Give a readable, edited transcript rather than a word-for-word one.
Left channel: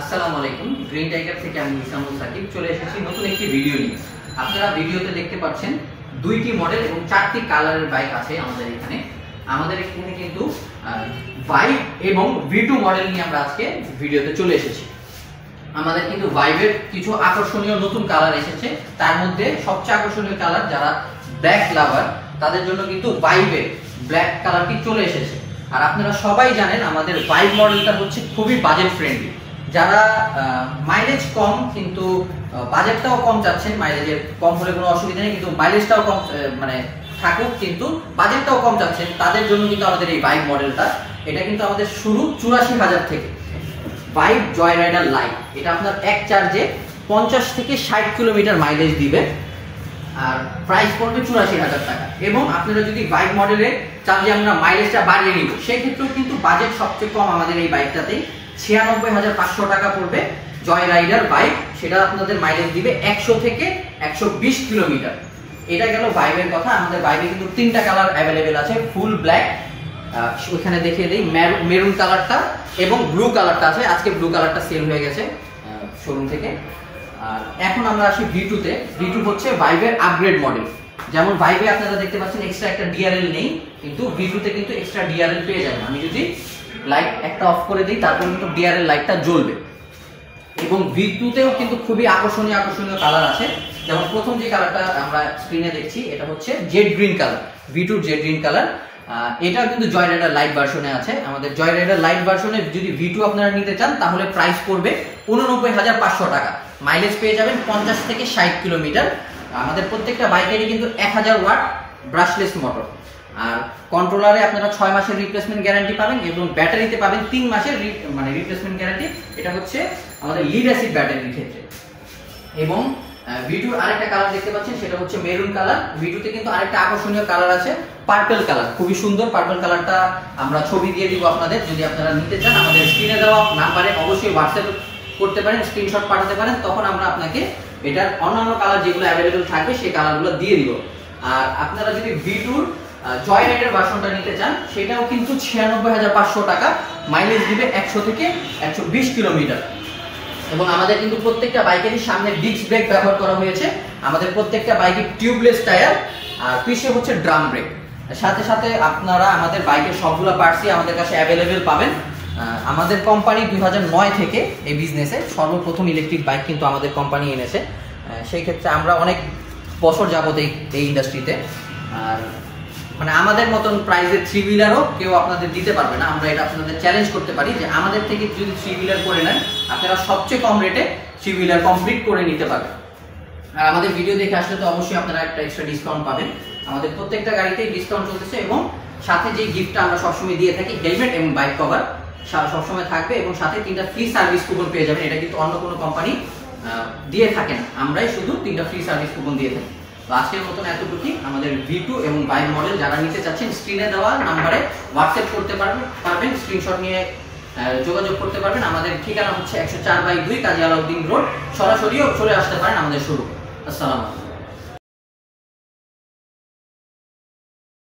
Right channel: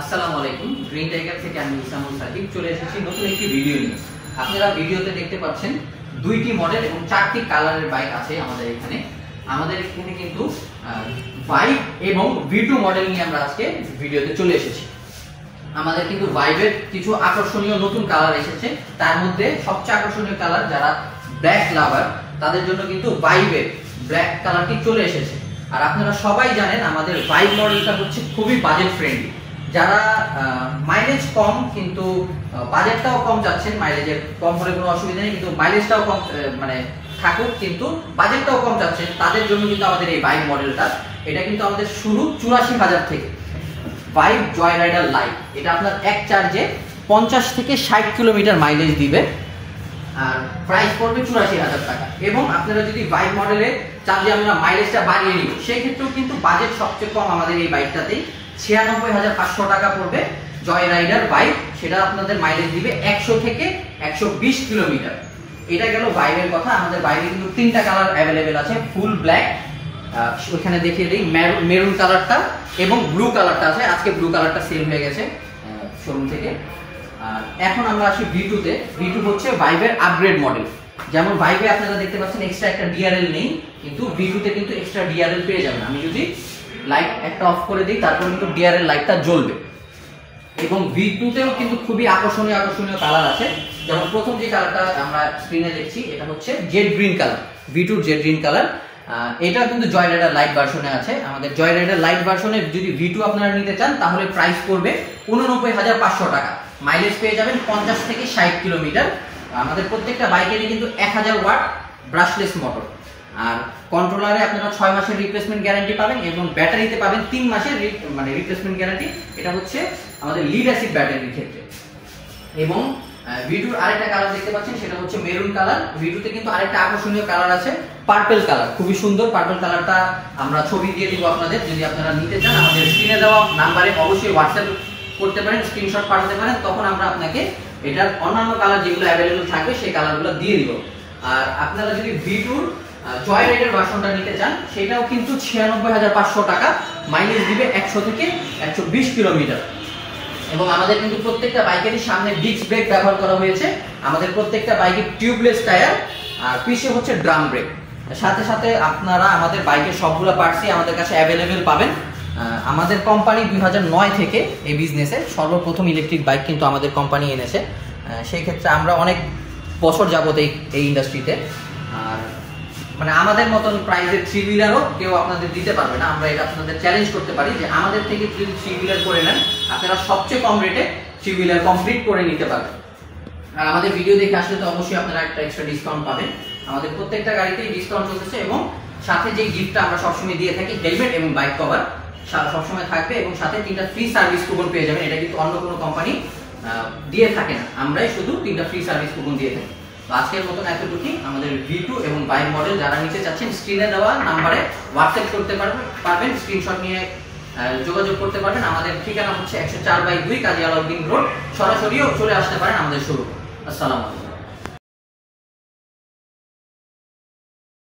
আসসালামু আলাইকুম। Green tiger থেকে আমি ইসামুল সাকিব চলে এসেছি নতুন একটি ভিডিও নিয়ে। আপনারা ভিডিওতে দেখতে পাচ্ছেন দুইটি মডেল এবং চারটি কালারের বাইক আছে আমাদের এখানে। কিন্তু ভাইব এবং V2 মডেল নিয়ে আমরা আজকে ভিডিওতে চলে এসেছি। আমাদের কিন্তু ভাইবের কিছু আকর্ষণীয় নতুন কালার এসেছে, তার মধ্যে সবচেয়ে আকর্ষণীয় কালার যারা ব্ল্যাক লাভার তাদের জন্য কিন্তু ভাইবের ব্ল্যাক কালারটি চলে এসেছে। আর আপনারা সবাই জানেন আমাদের ভাইব মডেলটা হচ্ছে খুবই বাজেট ফ্রেন্ডলি। যারা মাইলেজ কম কিন্তু বাজেটটাও কম চাচ্ছেন, মাইলেজের কম হলে কোনো অসুবিধা নেই, কিন্তু মাইলেজটাও কম মানে থাকুক কিন্তু বাজেটটাও কম চাচ্ছেন, তাদের জন্য কিন্তু আমাদের এই বাইক মডেলটা। এটা কিন্তু আমাদের শুরু ৮৪,০০০ থেকে। ভাইব জয় রাইডার লাইট, এটা আপনার এক চার্জে ৫০ থেকে ৬০ কিলোমিটার মাইলেজ দিবে আর প্রাইস পড়বে ৮৪,০০০ টাকা। এবং আপনারা যদি বাইক মডেলে চান যে আমরা মাইলেজটা বাড়িয়ে নিব, সেই ক্ষেত্রেও কিন্তু বাজেট সবচেয়ে কম আমাদের এই বাইকটাতেই ৯৬,৫০০ টাকা পড়বে জয় রাইডার বাইক। সেটা আপনাদের মাইলেজ দিবে ১০০ থেকে ১২০ কিলোমিটার। এটা গেল বাইকের কথা। আমাদের বাইকে কিন্তু তিনটা কালার অ্যাভেলেবেল আছে, ফুল ব্ল্যাক, ওখানে দেখিয়ে দিই মেরুন কালারটা এবং ব্লু কালারটা আছে। আজকে ব্লু কালারটা সেল হয়ে গেছে শোরুম থেকে। আর এখন আমরা আসি V2 তে। V2 হচ্ছে ভাইবের আপগ্রেড মডেল। যেমন ভাইবে আপনারা দেখতে পাচ্ছেন এক্সট্রা একটা ডিআরএল নেই, কিন্তু V2 তে কিন্তু এক্সট্রা ডিআরএল পেয়ে যাবেন। আমি যদি লাইট একটা অফ করে দিই তারপর কিন্তু ডিআরএল লাইটটা জ্বলবে। এবং V2 তেও কিন্তু খুবই আকর্ষণীয় কালার আছে। যেমন প্রথম যে কালারটা আমরা স্ক্রিনে দেখছি এটা হচ্ছে Z green colour, V2 Z green colour. এটা কিন্তু জয় রাইডার লাইট ভার্সনে আছে। আমাদের জয় রাইডার লাইট ভার্সনে যদি V2 আপনারা নিতে চান তাহলে প্রাইস পড়বে ৮৯,৫০০ টাকা। মাইলেজ পেয়ে যাবেন ৫০ থেকে ৬০ কিলোমিটার। আমাদের প্রত্যেকটা বাইকেরই কিন্তু ১০০০ ওয়াট ব্রাশলেস মোটর। আর কন্ট্রোলারে আপনারা ৬ মাসের রিপ্লেসমেন্ট গ্যারান্টি পাবেন এবং ব্যাটারিতে পাবেন ৩ মাসের রিপ্লেসমেন্ট গ্যারান্টি। এটা হচ্ছে আমাদের লিড অ্যাসিড ব্যাটারির ক্ষেত্রে। এবং V2 আরেকটা কালার দেখতে পাচ্ছেন সেটা হচ্ছে মেরুন কালার। V2 তে কিন্তু আরেকটা আকর্ষণীয় কালার আছে পার্পল কালার, খুবই সুন্দর। পার্পল কালারটা আমরা ছবি দিয়ে দিব আপনাদের, যদি আপনারা নিতে চান আমাদের স্ক্রিনে দেওয়া নাম্বারে অবশ্যই হোয়াটসঅ্যাপ করতে পারেন, স্ক্রিনশট পাঠাতে পারেন, তখন আমরা আপনাকে এটার অন্যান্য কালার যেগুলো অ্যাভেলেবল থাকবে সেই কালারগুলো দিয়ে দিব। আর আপনারা যদি V2 জয় রাইডার ভার্সনটা নিতে চান সেটাও কিন্তু ৯৬,৫০০ টাকা, মাইলেজ দিবে ১০০ থেকে ১২০ কিলোমিটার। এবং আমাদের কিন্তু প্রত্যেকটা বাইকেরই সামনে ডিস্ক ব্রেক ব্যবহার করা হয়েছে। আমাদের প্রত্যেকটা বাইকে টিউবলেস টায়ার আর পিছে হচ্ছে ড্রাম ব্রেক। সাথে সাথে আপনারা আমাদের বাইকের সবগুলো পার্টসই আমাদের কাছে অ্যাভেলেবেল পাবেন। আমাদের কোম্পানি ২০০৯ থেকে এই বিজনেসে সর্বপ্রথম ইলেকট্রিক বাইক কিন্তু আমাদের কোম্পানি এনেছে। সেই ক্ষেত্রে আমরা অনেক বছর যাবত এই ইন্ডাস্ট্রিতে। আর আমাদের মতন প্রাইজের 3 হুইলারও কেউ আপনাদের দিতে পারবে না। আমরা এটা আপনাদের চ্যালেঞ্জ করতে পারি যে আমাদের থেকে যদি 3 হুইলার করে নেন আপনারা সবচেয়ে কম রেটে 3 হুইলার কমপ্লিট করে নিতে পারবেন। আর আমাদের ভিডিও দেখে আসলে তো অবশ্যই আপনারা একটা এক্সট্রা ডিসকাউন্ট পাবেন। আমাদের প্রত্যেকটা গাড়িতেই ডিসকাউন্ট চলতেছে এবং সাথে যে গিফটটা আমরা সবসময় দিয়ে থাকি হেলমেট এবং বাইক কভার সবসময় থাকবে এবং সাথে 3টা ফ্রি সার্ভিস কুপন পেয়ে যাবেন। এটা কিন্তু অন্য কোনো কোম্পানি দিয়ে থাকে না, আমরাই শুধু 3টা ফ্রি সার্ভিস কুপন দিয়ে থাকি। তো আজকের মতন এতটুকুই। আমাদের V2 এবং বাইক মডেল যারা নিতে চাচ্ছেন স্ক্রিনে দেওয়া নাম্বারে হোয়াটসঅ্যাপ করতে পারবেন, স্ক্রিনশট নিয়ে যোগাযোগ করতে পারবেন। আমাদের ঠিকানা হচ্ছে ১০৪/২ কাজী আলাউদ্দিন রোড। সরাসরিও চলে আসতে পারেন আমাদের শোরুমে। আসসালামু আলাইকুম।